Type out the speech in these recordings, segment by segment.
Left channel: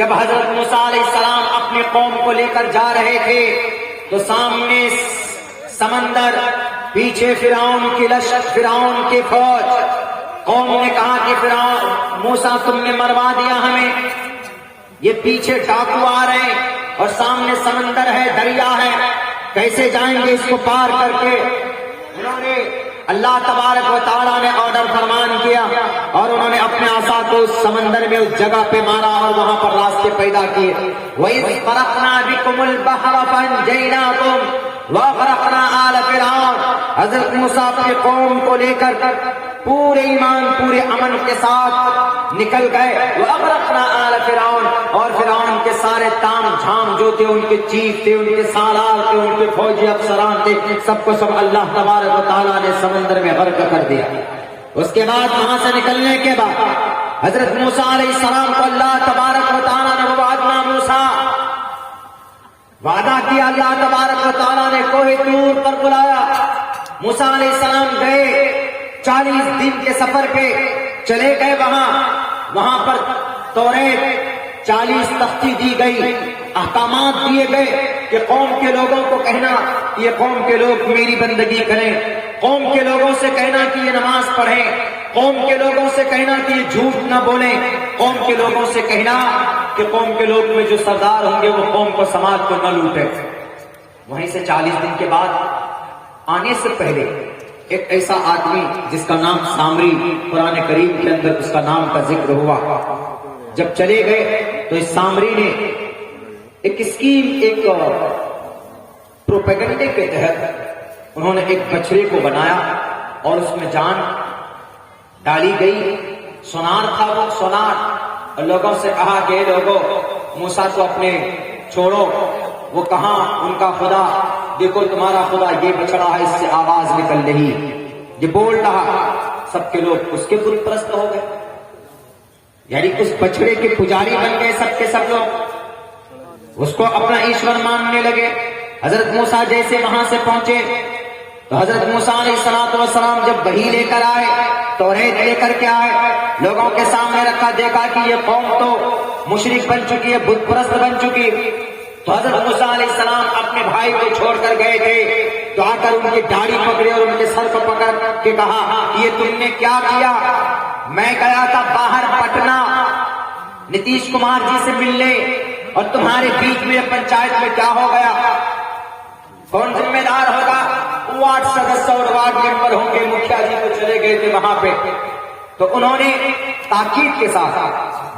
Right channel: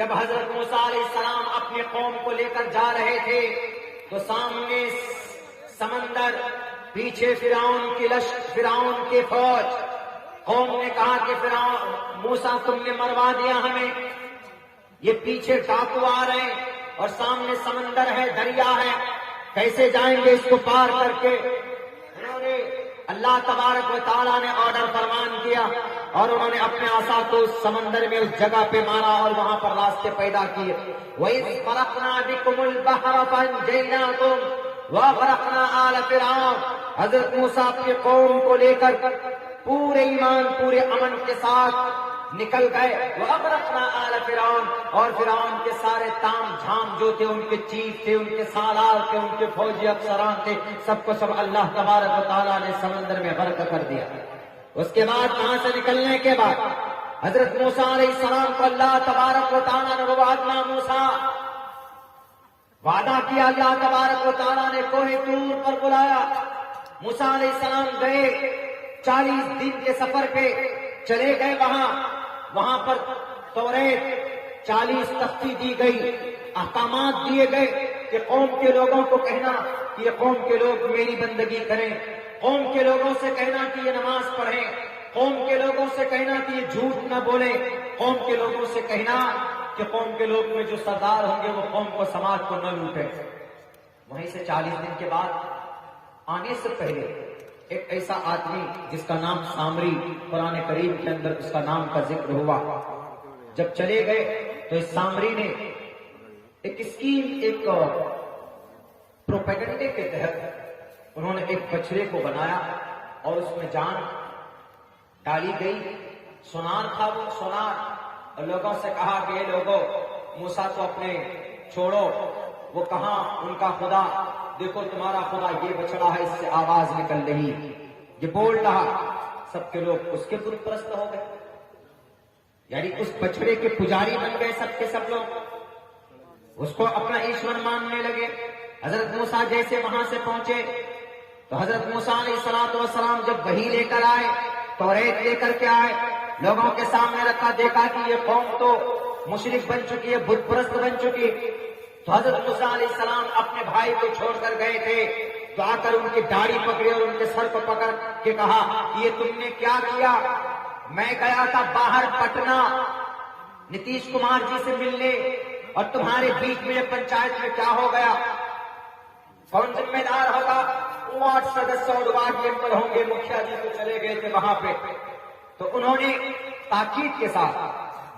جب حضرت موسیٰ علیہ السلام اپنی قوم کو لے کر جا رہے تھے تو سامنے سمندر، پیچھے فرعون کی لشکر، فرعون کی فوج. قوم نے کہا کہ فرعون موسیٰ تم نے مروا دیا ہمیں، یہ پیچھے ڈاکو آ رہے ہیں اور سامنے سمندر ہے، دریا ہے، کیسے جائیں گے اس کو پار کر کے. انہوں نے اللہ تبارک و تعالیٰ نے آرڈر فرمان کیا اور انہوں نے اپنے عصا کو اس سمندر میں اس جگہ پہ مارا اور وہاں پر راستے پیدا کیے. وَإِذْ فَرَقْنَا بِكُمُ الْبَحْرَ فَأَنْجَيْنَاكُمْ وَغَرَقْنَا آلَ فِرْعَوْنَ. حضرت موسیٰ اپنی قوم کو لے کر پورے ایمان پورے امن کے ساتھ نکل گئے. وَغَرَقْنَا آلَ فِرْعَوْنَ، اور فرعون کے سارے تام جھام جو تھے، ان کے چیف تھے، ان کے سالار تھے، ان کے فوجی افسران تھے، سب کو سب اللہ تبارک و تعالیٰ نے سمندر میں غرق کر دیا. اس کے بعد وہاں سے نکلنے کے بعد حضرت موسیٰ علیہ السلام کو اللہ تبارک و تعالیٰ نے وعدنا موسیٰ، وعدہ کیا اللہ تبارک و تعالیٰ نے کوہ طور پر بلایا. موسیٰ علیہ السلام گئے 40 دن کے سفر پہ چلے گئے. وہاں پر توریت 40 تختی دی گئی، احکامات دیے گئے کہ قوم کے لوگوں کو کہنا کہ یہ قوم کے لوگ میری بندگی کریں، قوم کے لوگوں سے کہنا کہ یہ نماز پڑھیں، قوم کے لوگوں سے کہنا کہ یہ جھوٹ نہ بولیں، قوم کے لوگوں سے کہنا کہ قوم کے لوگ میں جو سردار ہوں گے وہ قوم کو سماج کو نہ لوٹے. وہیں سے 40 دن کے بعد آنے سے پہلے ایک ایسا آدمی جس کا نام سامری، قرآن کریم کے اندر اس کا نام کا ذکر ہوا. جب چلے گئے تو اس سامری نے ایک اسکیم، ایک پروپیگنڈے کے تحت انہوں نے ایک بچڑے کو بنایا اور اس میں جان ڈالی گئی. سونار تھا وہ سونار، اور لوگوں سے کہا کہ اے لوگوں موسیٰ کو اپنے چھوڑو. وہ کہاں ان کا خدا، دیکھو تمہارا خدا یہ بچڑا ہے، اس سے آواز نکل رہی، یہ بول رہا. سب کے لوگ اس کے بت پرست ہو گئے، یعنی اس بچڑے کے پجاری بن گئے سب کے سب لوگ، اس کو اپنا ایشور ماننے لگے. حضرت موسیٰ جیسے وہاں سے پہنچے تو حضرت موسیٰ علیہ السلام جب وحی لے کر آئے، توریت لے کر کے آئے، لوگوں کے سامنے رکھا، دیکھا کہ یہ قوم تو مشرک بن چکی ہے، بت پرست بن چکی. تو حضرت موسیٰ علیہ السلام اپنے بھائی کو چھوڑ کر گئے تھے تو آ کر ان کی داڑھی پکڑی اور ان کے سر کو پکڑ کے کہا یہ تم نے کیا کیا؟ میں گیا تھا باہر پٹنہ نتیش کمار جی سے ملنے، اور تمہارے بیچ میں پنچایت میں کیا ہو گیا؟ کون ذمہ دار ہوگا؟ وارڈ سدسیہ اور وارڈ ممبر ہوں گے، مکھیا جی کو چلے گئے تھے وہاں پہ. تو انہوں نے تاکید کے ساتھ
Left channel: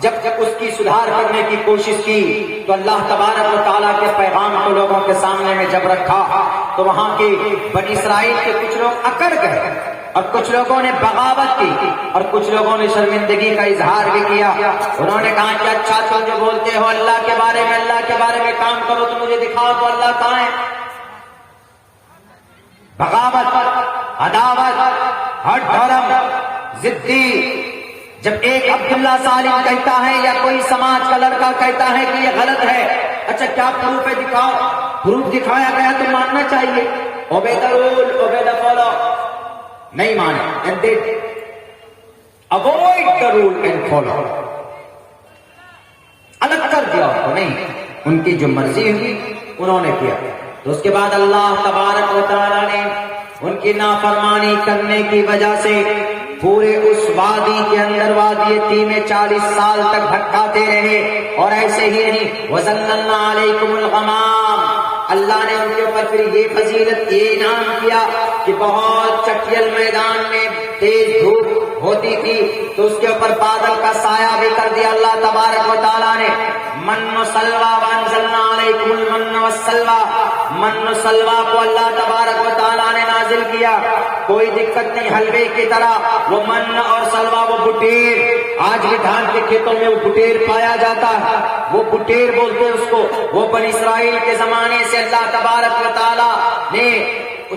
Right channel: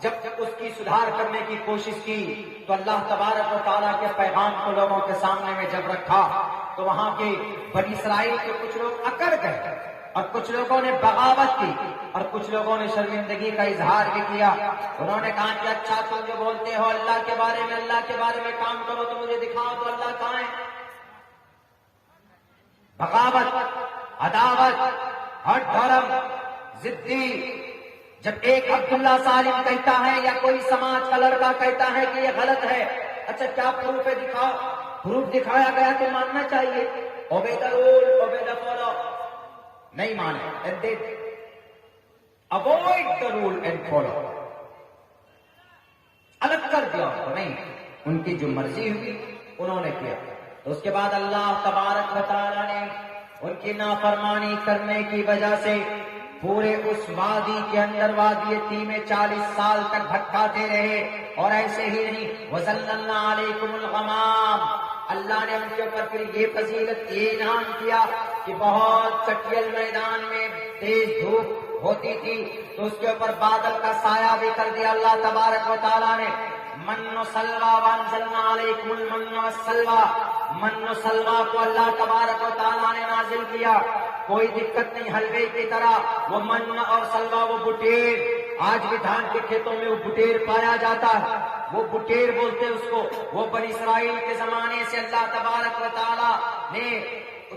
جب اس کی سدھار کرنے کی کوشش کی تو اللہ تبارک و تعالیٰ کے پیغام کو لوگوں کے سامنے میں جب رکھا تو وہاں کے بنی اسرائیل کے کچھ لوگ اکڑ گئے اور کچھ لوگوں نے بغاوت کی اور کچھ لوگوں نے شرمندگی کا اظہار بھی کیا. انہوں نے کہا کہ اچھا تم جو بولتے ہو اللہ کے بارے میں کام کرو تو مجھے دکھاؤ تو اللہ کہاں ہے. بغاوت، عداوت، ہٹ دھرم، ضدی. جب ایک عبداللہ سالم کہتا ہے یا کوئی سماج کا لڑکا کہتا ہے کہ یہ غلط ہے، اچھا کیا پروف ہے دکھاؤ، پروف دکھایا گیا تو ماننا چاہیے. obey the rule, obey the follow. نہیں مانے، and they avoid the rule and follow. الگ کر دیا تو نہیں، ان کی جو مرضی ہوئی انہوں نے کیا. تو اس کے بعد اللہ تبارک و تعالیٰ نے ان کی نافرمانی کرنے کی وجہ سے پورے اس وادی کے اندر وادی تیہ میں 40 سال تک بھٹکاتے رہے. اور ایسے ہی نہیں، وَظَلَّلْنَا عَلَيْكُمُ الْغَمَامَ، اللہ نے ان کے اوپر پھر یہ فضیلت، یہ انعام کیا کہ بہت چٹیل میدان میں تیز دھوپ ہوتی تھی تو اس کے اوپر بادل کا سایہ بھی کر دیا اللہ تبارک و تعالیٰ نے. من و سلوہ، وانزلنا علیکم المن والسلوہ، من و سلوہ کو اللہ تبارک و تعالیٰ نے نازل کیا. کوئی دقت نہیں، حلوے کی طرح وہ من اور سلوہ، وہ بٹیر، آج بھی دھان کے کھیتوں میں وہ بٹیر پایا جاتا ہے، وہ بٹیر بولتے اس کو. وہ بنی اسرائیل کے زمانے سے اللہ تبارک و تعالیٰ نے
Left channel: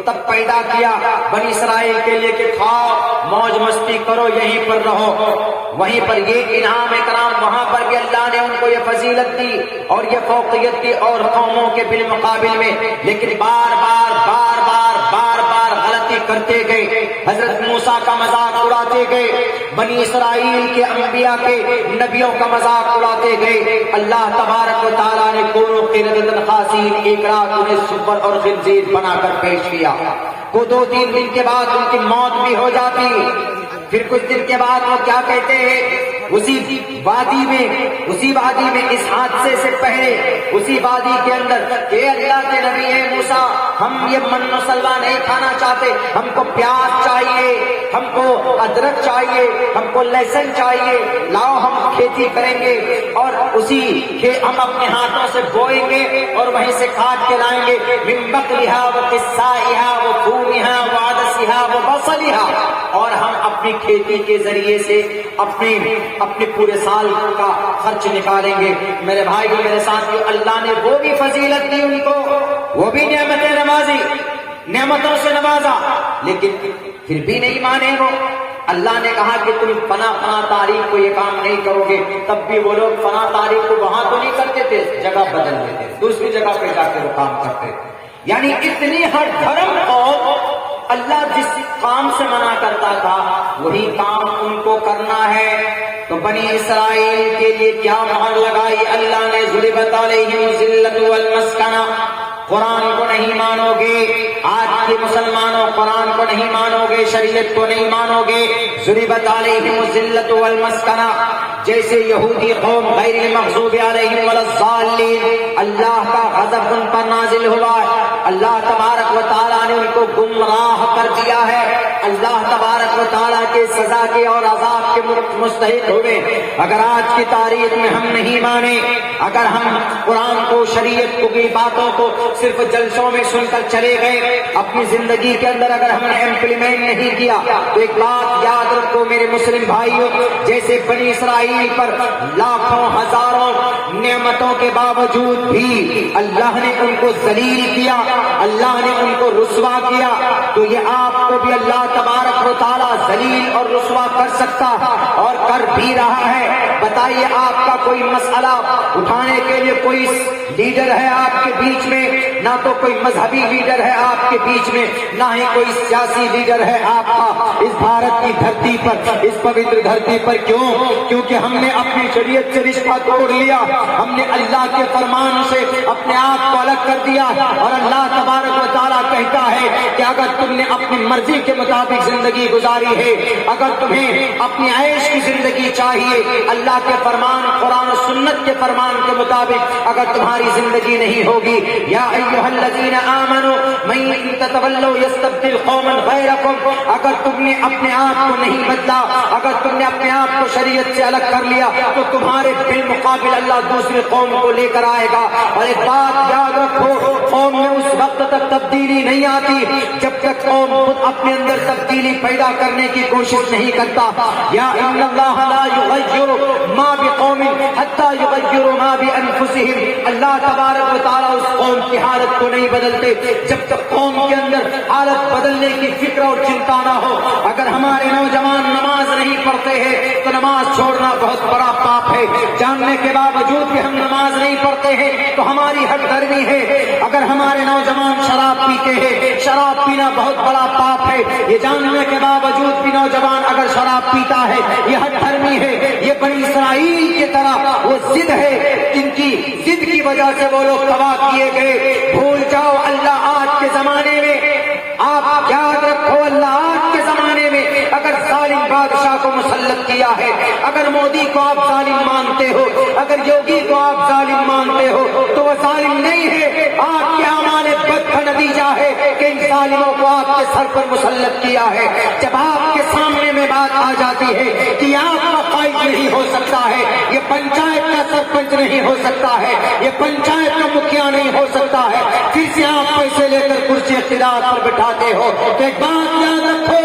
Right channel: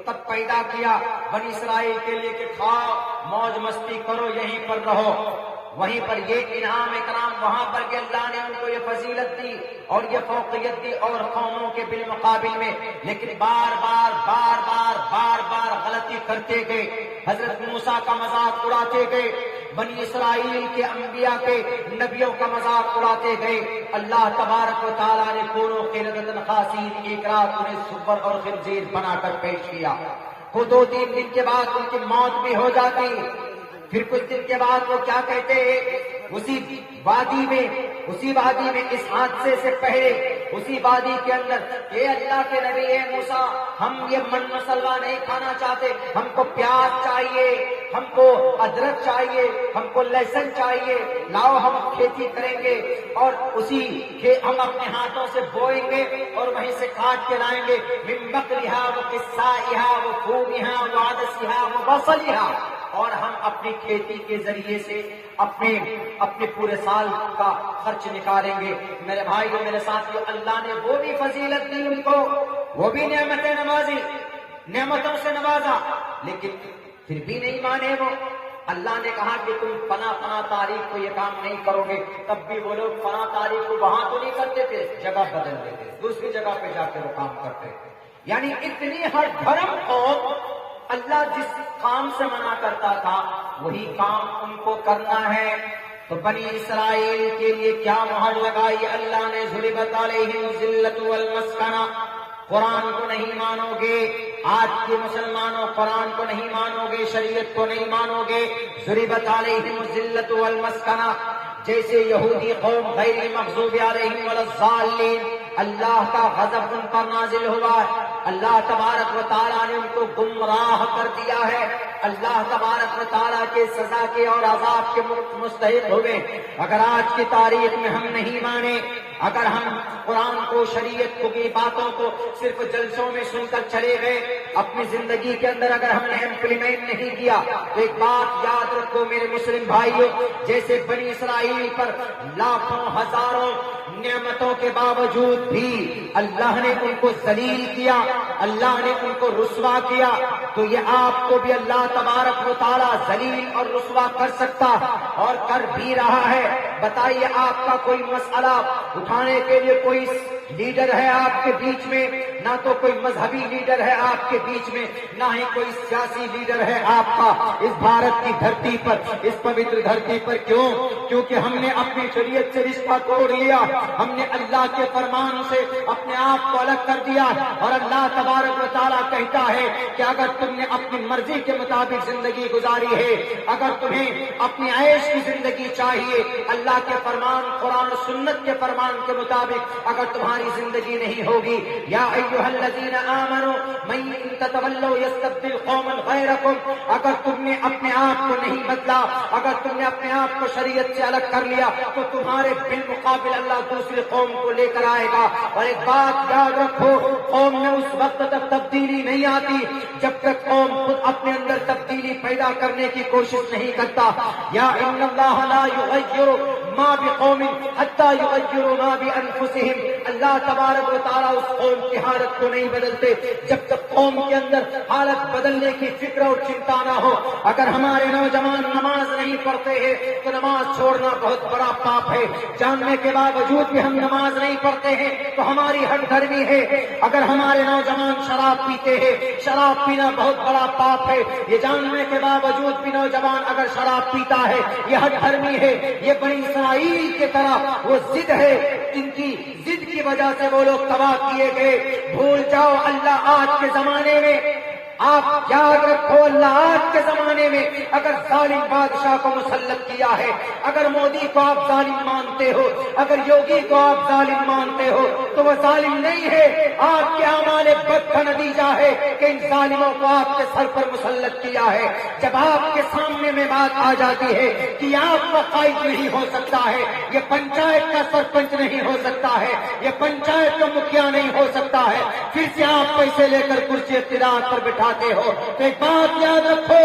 تب پیدا کیا بنی اسرائیل کے لیے کہ کھاؤ، موج مستی کرو، یہیں پر رہو. وہیں پر یہ انعام اکرام وہاں پر کہ اللہ نے ان کو یہ فضیلت دی اور یہ فوقیت دی اور قوموں کے بالمقابل میں. لیکن بار بار غلطی کرتے گئے، حضرت موسیٰ کا مذاق اڑاتے گئے، بنی اسرائیل کے انبیاء کے نبیوں کا مذاق اڑاتے دوڑتے گئے، اللہ تبارک و تعالیٰ نے کونوں قردۃ خاسئین، ایک رات انہیں سور اور خنزیر بنا کر پیش کیا۔ وہ 2-3 دن کے بعد ان کی موت بھی ہو جاتی۔ پھر کچھ دن کے بعد وہ کیا کہتے ہیں، اسی وادی میں اس حادثے سے پہلے اسی وادی کے اندر کہ اللہ کے نبی موسیٰ، ہم یہ من مسلہ نہیں کھانا چاہتے، ہم کو پیاز چاہیے، ہم کو ادرک چاہیے، ہم کو لہسن چاہیے، لاؤ ہم کھیتی کریں گے اور ہم اپنے ہاتھوں سے بوئیں گے اور وہیں سے کاٹ کے لائیں گے، من بقلھا وقثائھا وفومھا وعدسھا وبصلھا، اور ہم اپنی کھیتی کے ذریعے سے اپنے پورے سال کا خرچ نکالیں گے۔ میرے بھائیو، میرے ساتھیو، اللہ نے وہ بھی فضیلت دی ان کو، وہ بھی نعمتوں سے نوازا، لیکن پھر بھی نہیں مانے وہ۔ اللہ نے کہا کہ تم فنا تاریخ کو یہ کام نہیں کرو گے، تب بھی وہ لوگ فنا تاریخ کو وہاں تو نہیں کرتے تھے، جگہ بدل دیتے، دوسری جگہ پہ جا کے وہ کام کرتے تھے۔ یعنی اتنی ہر دھرم کو اللہ جس کام سے منع کرتا تھا وہی کام ان کو کرنا ہے۔ تو بنی اسرائیل کے لیے کیا مہر لگائی اللہ نے، ضربت علیہم الذلۃ والمسکنہ، قرآن کو نہیں مانو گے، آج کے مسلمانوں قرآن کو نہیں مانو گے، شریعت کو نہیں مانو گے، ضربت علیہم الذلۃ والمسکنہ، جیسے یہودی قوم غیر المغضوب علیہم ولا الضالین، اللہ کا غضب ان پر نازل ہوا ہے، اللہ تبارک و تعالیٰ نے ان کو گمراہ کر دیا ہے، اللہ تبارک و تعالیٰ کے سزا کے اور عذاب کے مستحق ہوئے۔ اگر آج کی تاریخ میں ہم نہیں مانے، اگر ہم قرآن کو، شریعت کو، کی باتوں کو صرف جلسوں میں سن کر چلے گئے، اپنی زندگی کے اندر اگر ہم نے امپلیمنٹ نہیں کیا، تو ایک بات یاد رکھو میرے مسلم بھائیوں، جیسے بنی اسرائیل پر لاکھوں ہزاروں نعمتوں کے باوجود بھی اللہ نے ان کو ذلیل کیا، اللہ نے ان کو رسوا کیا، تو یہ آپ کو بھی اللہ تبارک و تعالیٰ ذلیل اور رسوا کر سکتا اور کر بھی رہا ہے۔ بتائیے، آپ کا کوئی مسئلہ اٹھانے کے لیے کوئی لیڈر ہے آپ کے بیچ میں؟ نہ تو کوئی مذہبی لیڈر ہے آپ کے بیچ میں، نہ ہی کوئی سیاسی لیڈر ہے آپ کا اس بھارت کی دھرتی پر، اس پوتر دھرتی پر۔ کیوں؟ کیونکہ ہم نے اپنی شریعت سے رشتہ توڑ لیا، ہم نے اللہ کے فرمان سے اپنے آپ کو الگ کر دیا، اور اللہ تبارک و تعالیٰ کہتا ہے کہ اگر تم نے اپنی مرضی کے مطابق زندگی گزاری ہے، اگر تمہیں اپنی عیش کی زندگی چاہیے، اللہ کے فرمان، قرآن و سنت کے فرمان کے مطابق اگر تمہاری زندگی نہیں ہوگی، یا ایھا الذین آمنوا من تتولوا یستبدل قوما غیرکم، اگر تم نے اپنے آپ کو نہیں بدلا، اگر تم نے اپنے آپ کو شریعت سے الگ کر لیا، تو تمہارے بالمقابل اللہ دوسرے قوم کو لے کر آئے گا۔ اور ایک بات یاد رکھو، قوم میں اس وقت تک تبدیلی نہیں آتی جب تک قوم خود اپنے اندر تبدیلی پیدا کرنے کی کوشش نہیں کرتا۔ یا ان اللہ لا یغیر ما بقوم حتی یغیروا ما بانفسہم، اللہ تبارک و تعالیٰ اس قوم کی حالت کو نہیں بدلتے جب تک قوم کے اندر حالت بدلنے کی فکر اور چنتا نہ ہو۔ اگر ہمارے نوجوان نماز نہیں پڑھتے ہیں تو نماز چھوڑنا بہت بڑا پاپ ہے، جاننے کے باوجود بھی ہم نماز نہیں پڑھتے ہیں تو ہماری ہٹ دھرمی ہے۔ اگر ہمارے نوجوان شراب پیتے ہیں، شراب پینا بہت بڑا پاپ ہے، یہ جاننے کے باوجود بھی نوجوان اگر شراب پیتا ہے یہ ہٹ دھرمی ہے۔ یہ بنی اسرائیل کی طرح وہ ضد ہے، جن کی ضد کی وجہ سے وہ لوگ تباہ کیے گئے۔ بھول جاؤ، اللہ آج کے زمانے میں، آپ یاد رکھو، اللہ آج کے زمانے میں اگر ظالم بادشاہ کو مسلط کیا ہے، اگر مودی کو آپ ظالم مانتے ہو، اگر یوگی کو آپ ظالم مانتے ہو، تو وہ ظالم نہیں ہے، آپ کے اعمال بد کا نتیجہ ہے کہ ان ظالموں کو آپ کے سر پر مسلط کیا ہے۔ جب آپ کے سامنے میں بات آ جاتی ہے کہ آپ کو قائد نہیں ہو سکتا ہے، یہ پنچایت کا سرپنچ نہیں ہو سکتا ہے، یہ پنچایت کا مکھیا نہیں ہو سکتا ہے، پھر سے آپ پیسے لے کر کرسی اقتدار پر بٹھاتے ہو، تو ایک بات یاد رکھو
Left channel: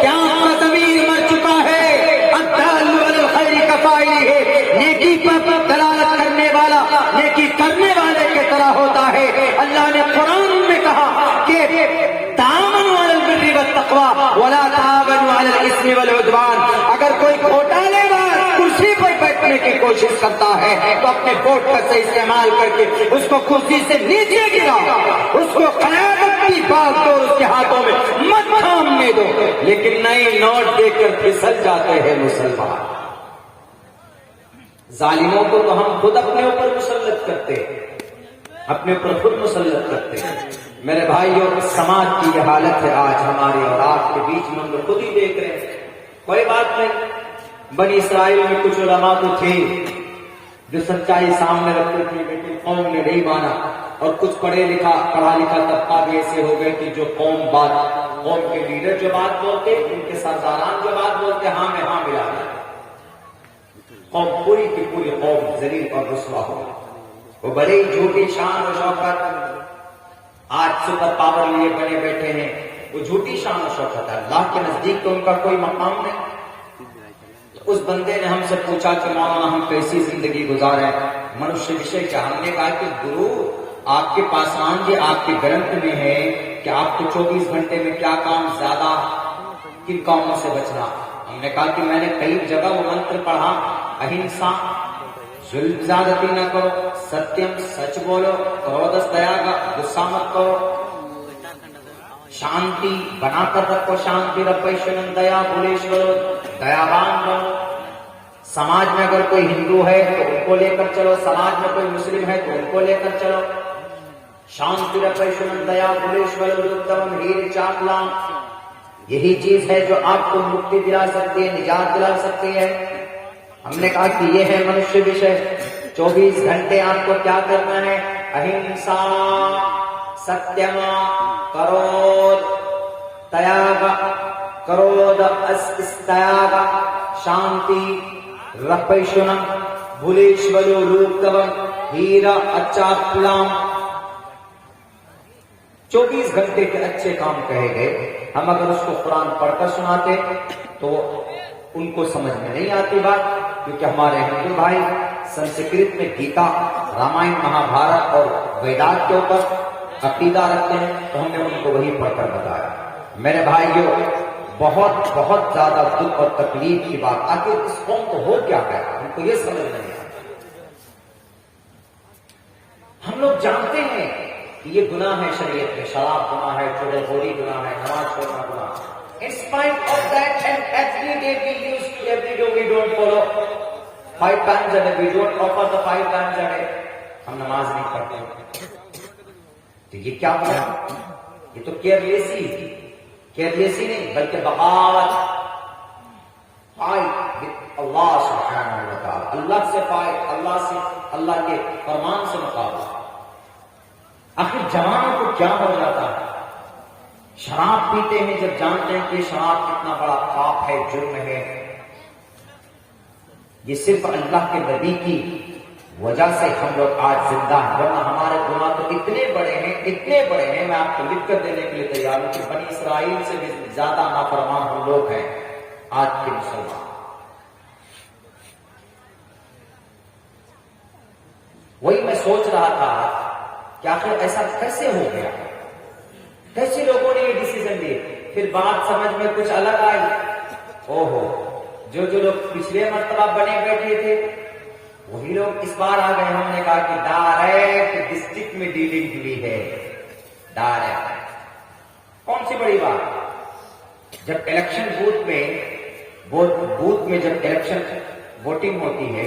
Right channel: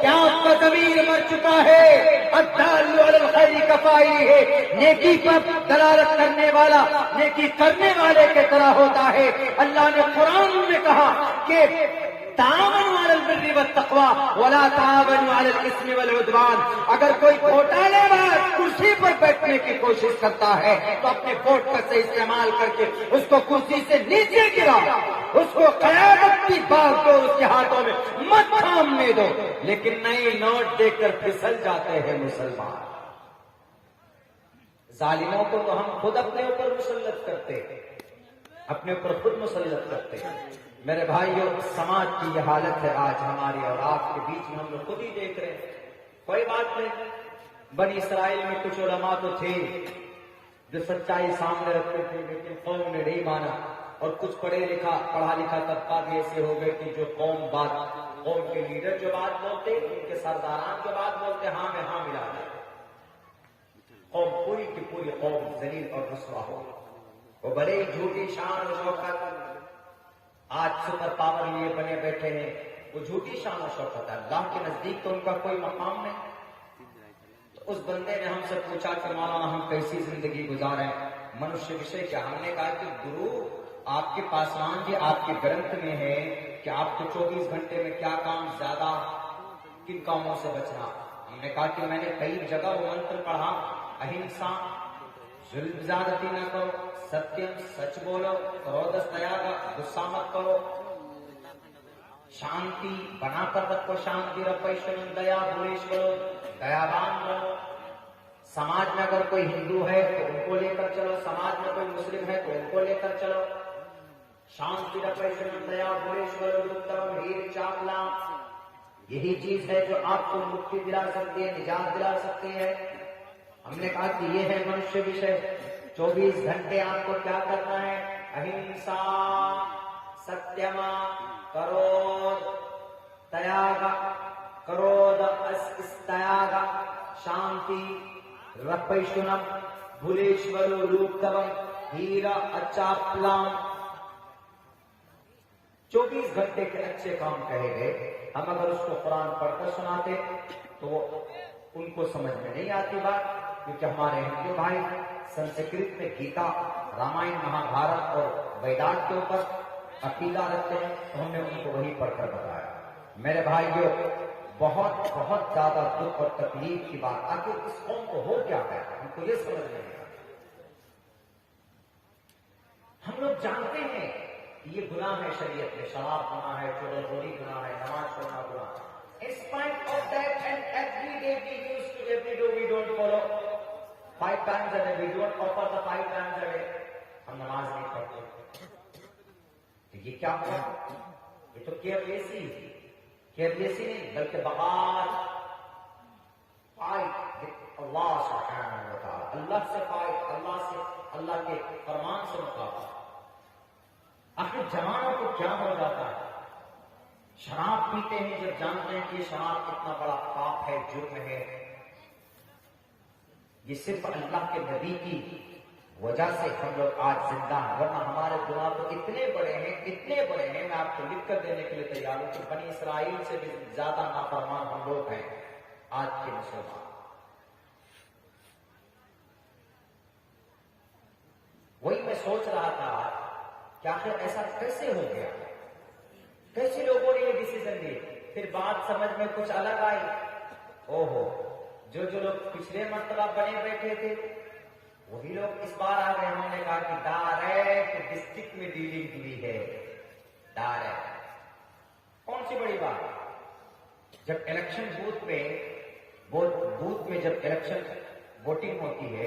کہ آپ کا ضمیر مر چکا ہے۔ الدال علی الخیر کفاعلہ ہے، نیکی پر دلالت کرنے والا نیکی کرنے والے کی طرح ہوتا ہے۔ اللہ نے قرآن میں کہا کہ تعاونوا علی البر والتقوی ولا تعاونوا علی الاثم والعدوان، اگر کوئی گھوٹالے باز کرسی پر بیٹھنے کی کوشش کرتا ہے تو اپنے ووٹ کا صحیح استعمال کر کے اس کو کرسی سے نیچے گرا، اس کو قیادت کی بات کو اس کے ہاتھوں میں مت تھامنے دو۔ لیکن نئے نوٹ دے کر پھسل جاتے ہیں مسلمان، ظالموں کو تو ہم خود اپنے اوپر مسلط کرتے ہیں، اپنے اوپر خود مسلط کرتے ہیں۔ میرے بھائیوں، سماج کی یہ حالت ہے آج ہماری اور آپ کے بیچ میں، ہم لوگ خود ہی دیکھ رہے ہیں۔ کوئی بات نہیں، بنی اسرائیل میں کچھ علماء تو تھے جو سچائی سامنے رکھتے تھے، لیکن قوم نے نہیں مانا، اور کچھ پڑھا لکھا طبقہ بھی ایسے ہو گئے کہ جو قوم کے لیڈر جو بات بولتے، ان کے سرداران جو بات بولتے، ہاں میں ہاں ملا دیا، قوم پوری کی پوری قوم ذلیل اور رسوا ہو۔ وہ بڑے ہی جھوٹی شان و شوکت آج سپر پاور لیے بنے بیٹھے ہیں، وہ جھوٹی شان و شوکت ہے، اللہ کے نزدیک تو ان کا کوئی مقام نہیں۔ اس بندے نے ہم سے پوچھا کہ مولانا ہم کیسی زندگی گزارے، منشیہ وشے کیا؟ ہم نے کہا کہ گرو آپ کے پاسمان جی آپ کے گرنتھ میں ہے کہ آپ کو 24 گھنٹے میں کیا کام زیادہ، کن کاموں سے بچنا۔ ہم نے کہا کہ میں نے کئی جگہ وہ منتر پڑھا، اہنسا، ظلم زیادتی نہ کرو، ستیم سچ بولو، کرودس دیا کا غصہ مت کرو، شانتی بنا کر رکھو، شانتی رپیشن دیا بھولیشور، دیاوان رہو۔ سماج میں اگر کوئی ہندو ہے تو ان کو لے کر چلو، سماج میں کوئی مسلم ہے تو ان کو لے کر چلو، شانتی رپیشن دیا بھولیشور ردھم ہیر چاکلام، یہی چیز ہے جو آپ کو مکتی دلا سکتی ہے، نجات دلا سکتی ہے۔ ہم نے کہا کہ یہ ہے منشیہ وشے، 24 گھنٹے آپ کو کیا کرنا ہے؟ اہنسا، ستیم، کرود تیاگ، کرود استیاگ، شانتی رپیشنم بھولیشورو روپدم ہیرا اچاپلام۔ 24 گھنٹے کے اچھے کام کہے گئے، ہم اگر اس کو قرآن پڑھ کر سناتے تو ان کو سمجھ میں نہیں آتی بات، کیونکہ ہمارے ہندو بھائی سنسکرت میں گیتا، رامائن، مہا بھارت اور ویدات کے اوپر عقیدہ رکھتے ہیں، تو ہم نے ان کو وہی پڑھ کر بتایا۔ میرے بھائیوں، بہت بہت زیادہ دکھ اور تکلیف کی بات، آخر اس قوم کو ہو کیا ہے، ان کو یہ سمجھ نہیں آتا۔ ہم لوگ جانتے ہیں کہ یہ گناہ ہے، شریعت میں شراب گناہ ہے، چغل خوری گناہ ہے، نماز چھوڑنا گناہ ہے۔ In spite of that, and every day we used to, every day we don't follow 5 times a day, we don't offer the 5 times a day. ہم نماز نہیں پڑھتے، تو یہ کیا ہوا؟ یہ تو کیئرلیسی نہیں بلکہ بغاوت، فائٹ with اللہ سبحانہ و تعالی، اللہ سے فائٹ، اللہ کے فرمان سے مقابلہ۔ آخر جوانوں کو کیا ہو جاتا ہے؟ شراب پیتے ہیں جب جانتے ہیں کہ شراب کتنا بڑا پاپ ہے، جرم ہے، یہ صرف اللہ کے نبی کی وجہ سے ہم لوگ آج زندہ ہیں، ورنہ ہمارے گناہ تو اتنے بڑے ہیں، میں آپ کو لکھ کر دینے کے لیے تیار ہوں کہ بنی اسرائیل سے بھی زیادہ نافرمان ہم لوگ ہیں آج کے مسلمان۔ وہی میں سوچ رہا تھا کہ آخر ایسا کیسے ہو گیا، کیسے لوگوں نے یہ ڈیسیزن لیے؟ پھر بات سمجھ میں کچھ الگ آئی، جو لوگ پچھلے مرتبہ بنے بیٹھے تھے وہی لوگ اس بار آ گئے۔ ہم نے کہا کہ ڈائریکٹ ڈسٹرکٹ میں ڈیلنگ ہوئی ہے، ڈائریکٹ۔ کون سی بڑی بات؟ جب الیکشن بوتھ میں جب الیکشن ووٹنگ ہوتی ہے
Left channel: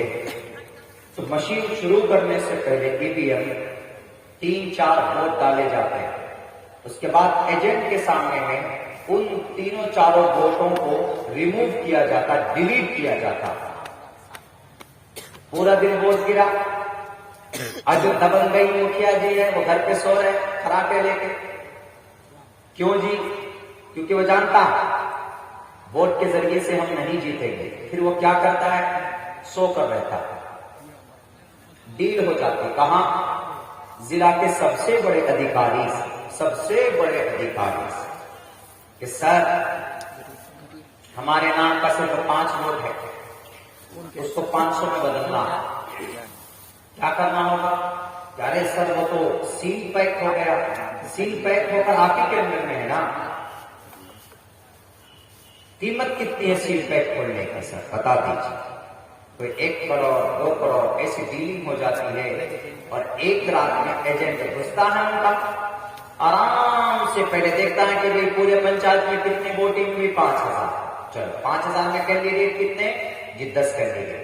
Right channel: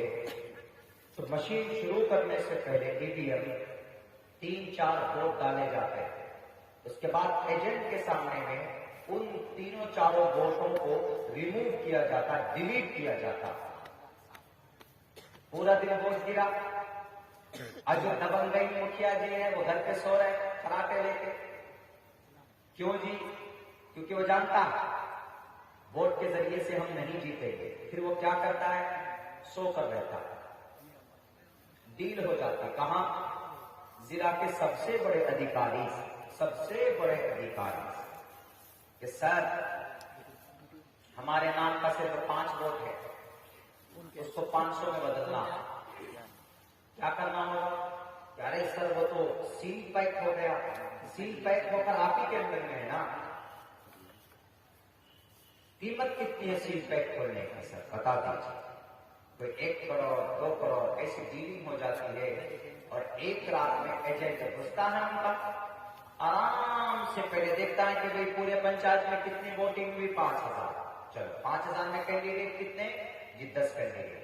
تو مشین شروع کرنے سے پہلے EVM 3-4 ووٹ ڈالے جاتے ہیں، اس کے بعد ایجنٹ کے سامنے میں ان 3-4 ووٹوں کو ریموو کیا جاتا، ڈیلیٹ کیا جاتا۔ پورا دن ووٹ گرا، آج جو دبنگئی مکھیا جی ہے وہ گھر پہ سو رہے کھراٹے لے کے۔ کیوں جی؟ کیونکہ وہ جانتا ووٹ کے ذریعے سے ہم نہیں جیتیں گے۔ پھر وہ کیا کرتا ہے؟ سو کر رہتا ہے، ڈیل ہو جاتی۔ کہاں؟ ضلع کے سب سے بڑے ادھیکاری کہ سر ہمارے نام کا صرف 5 ووٹ ہے، اس کو 500 میں بدلنا ہے، کیا کرنا ہوگا؟ ارے سر وہ تو سیل پیک ہو گیا، سیل پیک ہو کر آپ ہی کے اندر میں ہے نا، قیمت کتنی ہے سیل پیک کھولنے کی سر بتا دیجیے۔ کوئی 1 کروڑ 2 کروڑ ایسی ڈیلنگ ہو جاتی ہے، اور ایک رات میں ایجنٹ گھستا ہے ان کا، آرام سے پہلے دیکھتا ہے کہ بھئی پورے پنچایت میں کتنی ووٹنگ ہوئی، 5000، چلو 5000 میں کینڈیڈیٹ کتنے جی؟ 10 کینڈیڈیٹ،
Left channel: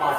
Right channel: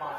5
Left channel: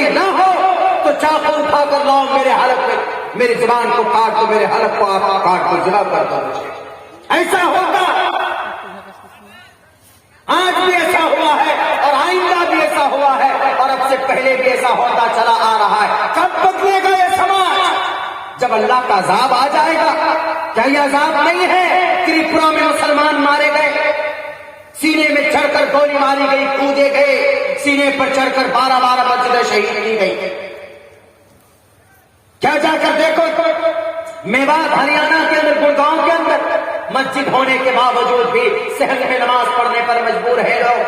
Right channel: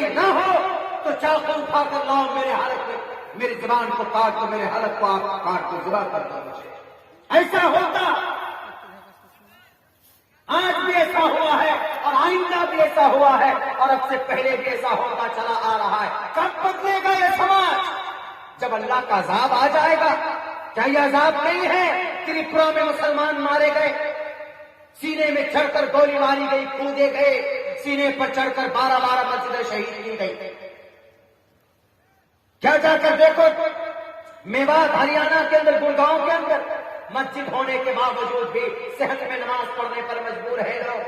یہ نہ ہو تو چاقو اٹھا کر لاؤ میرے حلق میں، میری زبان کو کاٹ دو، میرے حلق کو آپ کاٹ کر ذبح کر دو مجھے. ایسا ہوگا، آج بھی ایسا ہوا ہے اور آئندہ بھی ایسا ہوا ہے اور اب سے پہلے بھی ایسا ہوتا چلا آ رہا ہے. کب بدلے گا یہ سماج؟ جب اللہ کا عذاب آ جائے گا. کیا یہ عذاب نہیں ہے؟ تریپورا میں مسلمان مارے گئے، سینے میں چڑھ کر گولی ماری گئی، کودے گئے، سینے پر چڑھ کر 12 مسجدیں شہید کی گئی. کیا جا کر دیکھو میوات ہریانہ کے اندر، گڑگاؤں کے اندر مسجد ہونے کے باوجود بھی صحت میں نماز پڑھنے پر مجبور ہے لوگ.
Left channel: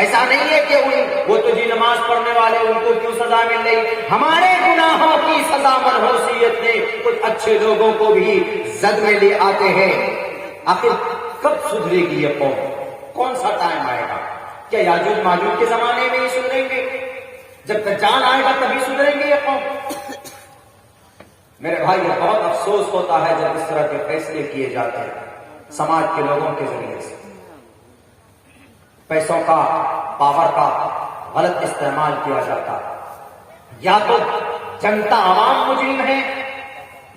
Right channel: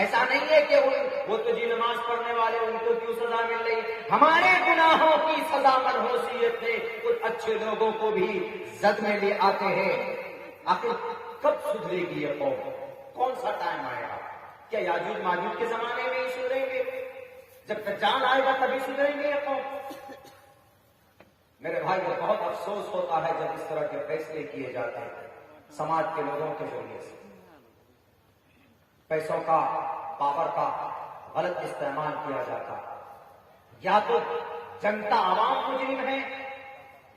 ایسا نہیں ہے کہ وہ تو جی نماز پڑھنے والے ان کو کیوں سزا مل رہی؟ ہمارے گناہوں کی سزا منحوسیت نے کچھ اچھے لوگوں کو بھی زد میں لے آتے ہیں. آخر کب سدھرے گی یہ قوم؟ کون سا ٹائم آئے گا؟ کیا یاجوج ماجوج کے زمانے میں ہی سدھریں گے؟ جب دجال آئے گا تبھی سدھریں گے یہ قوم؟ میرے بھائی بہت افسوس ہوتا ہے جب اس طرح کے فیصلے کیے جاتے ہیں سماج کے لوگوں کے ذریعے سے. پیسوں کا، پاور کا غلط استعمال کیا جاتا. یا تو جنتا عوام مجرم ہے،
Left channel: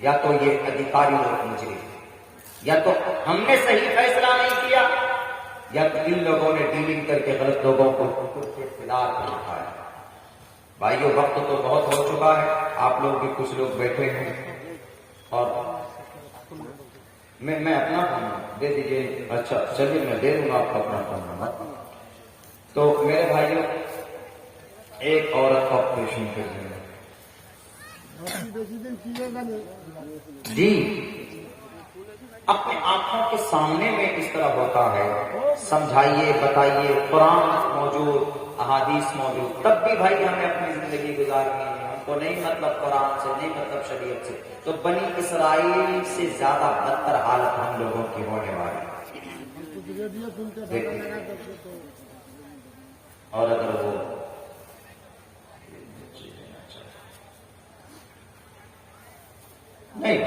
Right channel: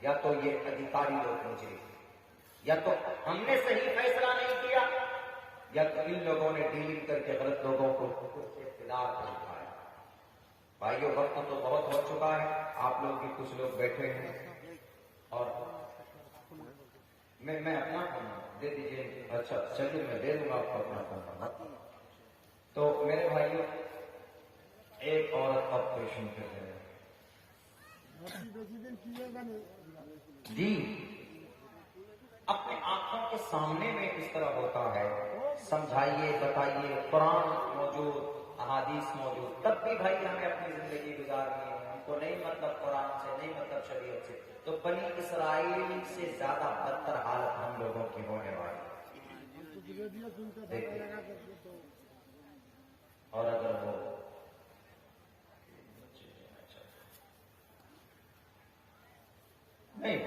یا تو یہ ادھیکاری لوگ مجرم ہے. یا تو ہم نے صحیح فیصلہ نہیں کیا، یا تو ان لوگوں نے ڈیلنگ کر کے غلط لوگوں کو اقتدار میں رکھا ہے. بھائیو وقت تو بہت ہو چکا ہے، آپ لوگ بھی کچھ لوگ بیٹھے ہیں اور میں اپنا دے دیجیے. اچھا چلیے میں دے دوں گا آپ کو اپنا فون. تو میرے بھائیو ایک عورت کو آپریشن کر دیں جی، اپنے آنکھوں کے سامنے میں اس طرح ہوتا ہے. سمجھائیے، بتائیے، قرآن موجود، احادیث موجود، تب بھی بھائی ہمیں اپنی زندگی گزارنی ہے. ہم کو نہیں مطلب قرآن سے، نہیں مطلب شریعت سے. تو بنی اسرائیل سے زیادہ بدتر حالت ہم لوگوں کی ہونے والی ہے. اور اگر وہ نہیں،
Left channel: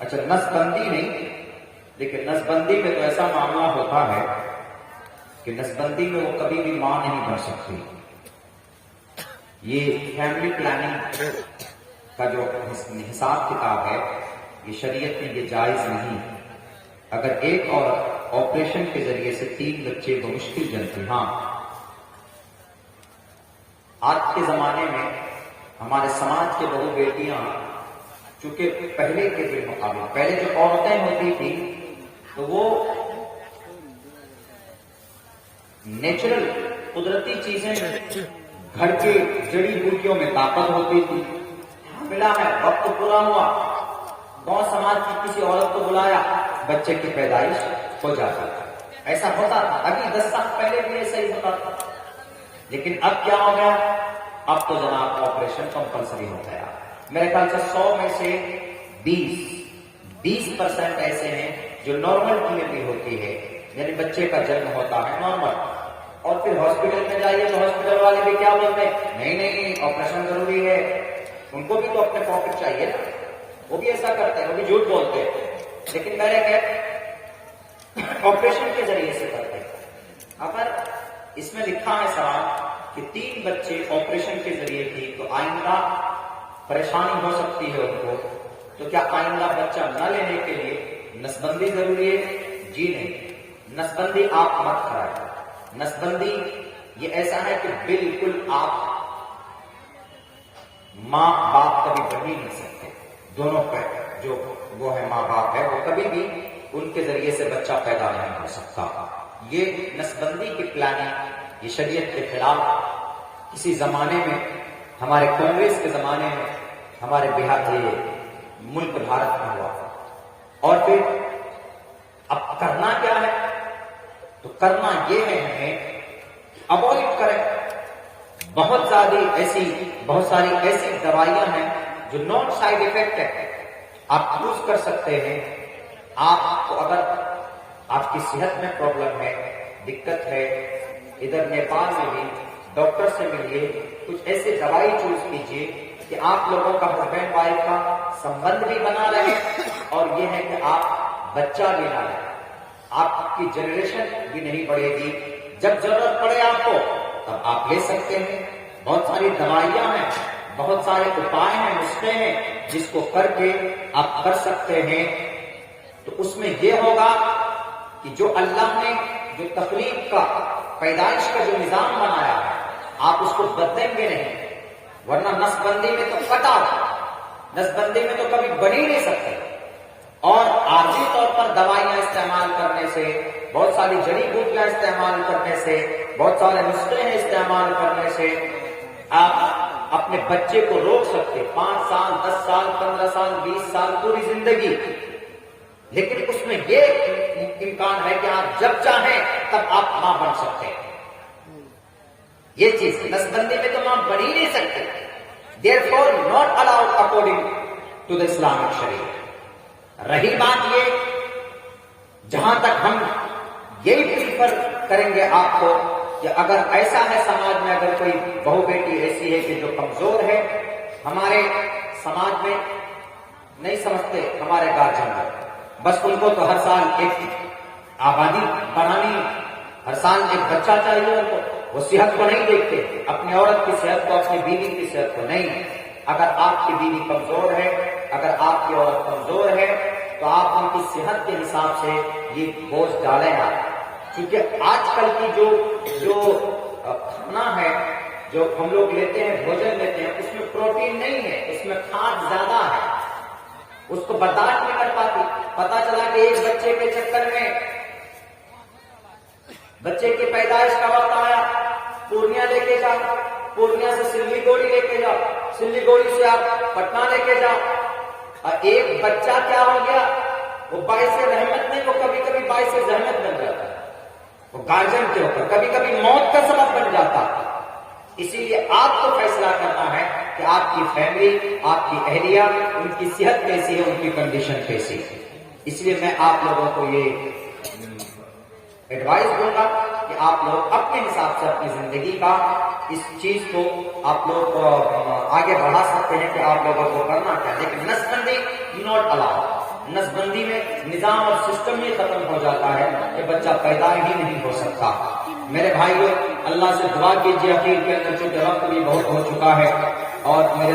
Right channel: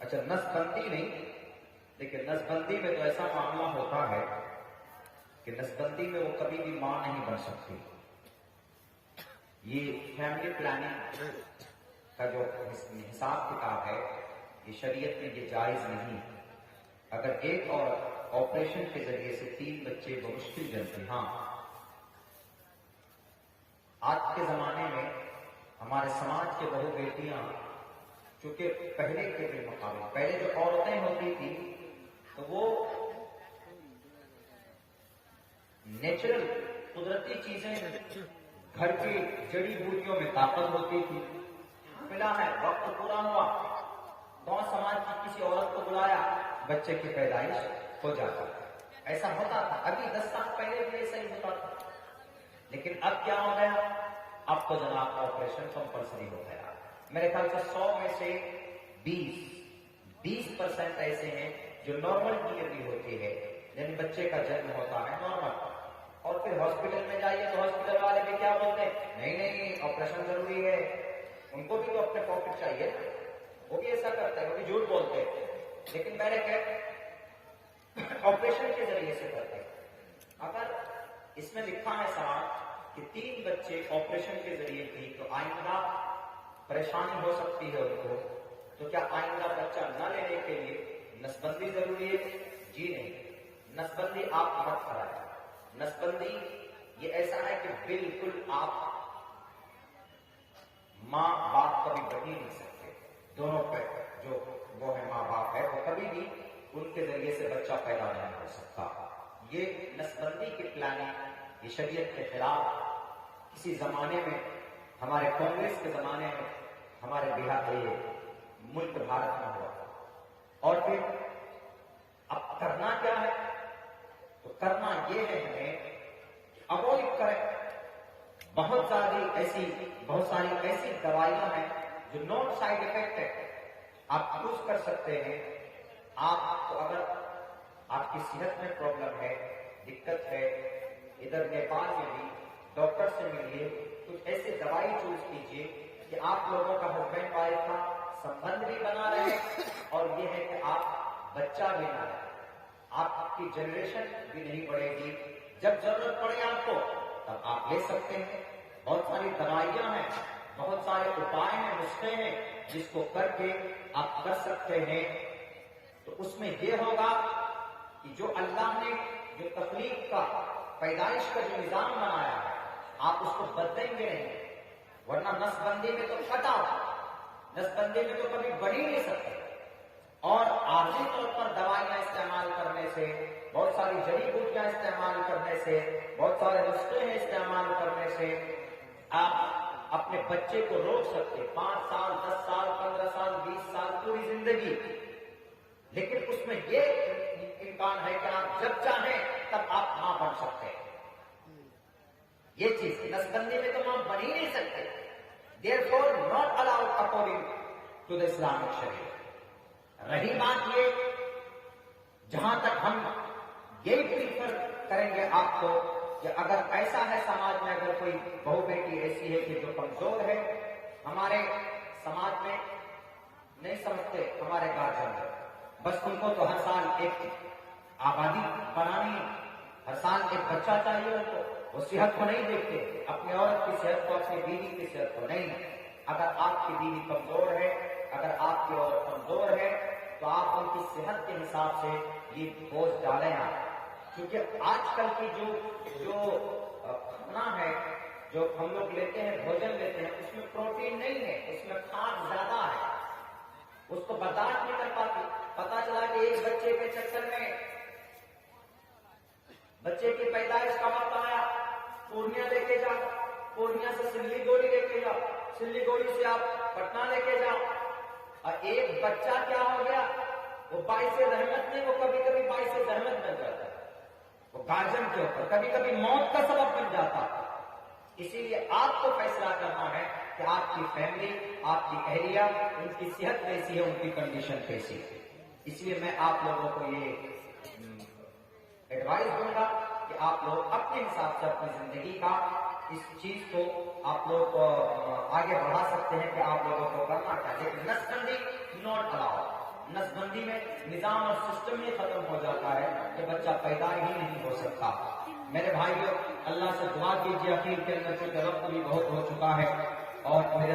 اچھا نس بندی نہیں، لیکن نس بندی میں تو ایسا معاملہ ہوتا ہے کہ نس بندی میں وہ کبھی بھی ماں نہیں بن سکتی. یہ فیملی پلاننگ کا جو حساب کتاب ہے یہ شریعت میں یہ جائز نہیں. اگر ایک عورت آپریشن کے ذریعے سے 3 بچے بمشکل جنتی. ہاں آج کے زمانے میں ہمارے سماج کے بہو بیٹیاں چونکہ پہلے کے بالمقابل، پہلے جو عورتیں ہوتی تھی تو وہ نیچرل قدرتی چیزیں، گھر کے جڑی بوٹیوں میں طاقت ہوتی تھی. ملا ہے، وقت پورا ہوا، گاؤں سماج کی کسی عورت کو بلایا، بچے کی پیدائش ہو جاتی. ایسا ہوتا تھا. ابھی 10 سال پہلے بھی ایسا ہی ہوتا تھا. لیکن اب کیا ہو گیا؟ اب تو جناب آپریشن کمپلسری ہو گیا. میرے خیال سے 100 میں سے 20% ایسے ہیں جو نارمل ڈلیوری ہوتی ہے، یعنی بچے کا جنم ہوتا ہے نارمل. اور پھر ہاسپٹل میں جائیے تو ہاسپٹل والے بھی کیا بولتے ہیں؟ نہیں آپریشن ضروری ہے. ان کو بھی تو اپنے پروفٹ چاہیے نا، وہ بھی ایسا کرتے ہیں، وہ بھی جھوٹ بولتے ہیں. لیکن میں نے کہا آپریشن کے ذریعے سے کرتے ہیں. اگر اس میں لکھا ہے صاحب کہ 3 بچے آپریشن کے ذریعے کی تو آئندہ پریشانی ہو سکتی ہے ان کو، تو کیا آئندہ بچہ نہ لینے کے لیے نسبندی ضروری ہے؟ جی نہیں، نسبندی آپ مت کرائیں. نسبندی یہ ایسا ہے کہ بالکل آپ ماں باپ کبھی بن ہی نہیں سکتے. دونوں پہ جو وہ ہے ماں باپ ہے وہ کبھی بھی ان کے ذریعے سے بچہ پیدا نہیں ہو سکتا. یہ نسبندی کی پلاننگ یہ شریعت کے خلاف کسی زمانے میں ہمارے کانگریس کے زمانے میں ہمارے بہار یہ ملک بھارت میں ہوا. اور پھر اب کرنا کیا ہے؟ تو کرنا یہ ہے ہمیں اوائڈ کریں. بہت ساری ایسی دوائیاں ہیں جو نان سائیڈ افیکٹ ہے، آپ یوز کر سکتے ہیں. آپ کو اگر آپ کی صحت میں پرابلم ہے، دقت ہے، ادھر نیپال میں بھی ڈاکٹر سے ملیے، کچھ ایسے دوائی چوز کیجیے کہ آپ لوگوں کا ہسبینڈ وائف کا سمبند بھی بنا رہے اور یہ ہے کہ آپ بچہ بھی نہ لیں. آپ کی جنریشن بھی نہیں بڑھے گی. جب ضرورت پڑے آپ کو تب آپ لے سکتے ہیں. بہت ساری دوائیاں ہیں، بہت سارے اپائے ہیں، نسخے ہیں جس کو کر کے آپ کر سکتے ہیں۔ تو اس میں یہ ہوگا کہ جو اللہ نے جو تخلیق کا، پیدائش کا جو نظام بنایا ہے، آپ اس کو بدلیں گے نہیں، ورنہ نس بندی میں تو پتا، نس بندی میں تو کبھی بن ہی نہیں سکتے۔ اور عارضی طور پر دوائیاں استعمال کرنے سے، بہت ساری جڑی بوٹیاں استعمال کرنے سے، بہت سارے نسخے ہیں استعمال کرنے سے آپ اپنے بچے کو روک سکتے، 5 سال 10 سال 15 سال 20 سال پوری زندگی، لیکن اس میں یہ امکان ہے کہ آپ جب چاہیں تب آپ ماں بن سکتے ہیں۔ یہ چیز نس بندی میں تو ماں بن ہی نہیں سکتے، therefore not allowed according to the Islamic Sharia۔ رہی بات یہ، جہاں تک ہم یہی پریفر کریں گے آپ کو کہ اگر ایسا ہے سماج میں، اگر کوئی بہو بیٹی ایسی ہے کہ جو کمزور ہے، ہمارے سماج میں نہیں سمجھتے ہمارے گارجن میں، بس ان کو تو ہر سال ایک آبادی بنانی، ہر سال ایک بچہ چاہیے ان کو، وہ صحت کو نہیں دیکھتے، اپنی عورت کی صحت کو، اپنی بیوی کی صحت کو نہیں۔ اگر آپ کی بیوی کمزور ہے، اگر آپ کی عورت کمزور ہے، تو آپ ان کی صحت کے حساب سے یہ بوجھ ڈالیں گا، کیونکہ آج کل کی جو کھانا ہے، جو ہم لوگ لیتے ہیں، بھوجن لیتے ہیں، اس میں پروٹین نہیں ہے، اس میں کھاد زیادہ ہے، اس کو برداشت نہیں کر پاتی۔ پتا چلا کہ ایک بچے کے چکر میں، بچے کی پیدائش کا وقت آیا، پورنیہ لے کے جاؤ، پورنیہ سے سلی گوڑی لے کے جاؤ، سلی گوڑی سے آپ پٹنہ لے کے جاؤ، اور ایک بچہ کیا ہو گیا، وہ باعث رحمت نہیں، وہ کبھی کبھی باعث زحمت بن جاتا ہے، وہ گارجن کے اوپر کبھی کبھی موت کا سبب بن جاتا ہے۔ اسی لیے آپ کو فیصلہ کرنا ہے کہ آپ کی فیملی، آپ کی اہلیہ، ان کی صحت کیسی ہے، ان کی کنڈیشن کیسی ہے۔ اس لیے میں آپ لوگوں کو یہ ایڈوائز دوں گا کہ آپ لوگ اپنے حساب سے اپنی زندگی کا اس چیز کو آپ لوگ آگے بڑھا سکتے ہیں کہ آپ لوگوں کو کرنا کیا، لیکن نس بندی ناٹ الاؤڈ۔ نس بندی میں نظام اور سسٹم یہ ختم ہو جاتا ہے کہ بچہ پیدا ہی نہیں ہو سکتا۔ میرے بھائیو، اللہ سے دعا کیجیے، اخیر کے اندر چونکہ وقت بھی بہت ہو چکا ہے اور میرے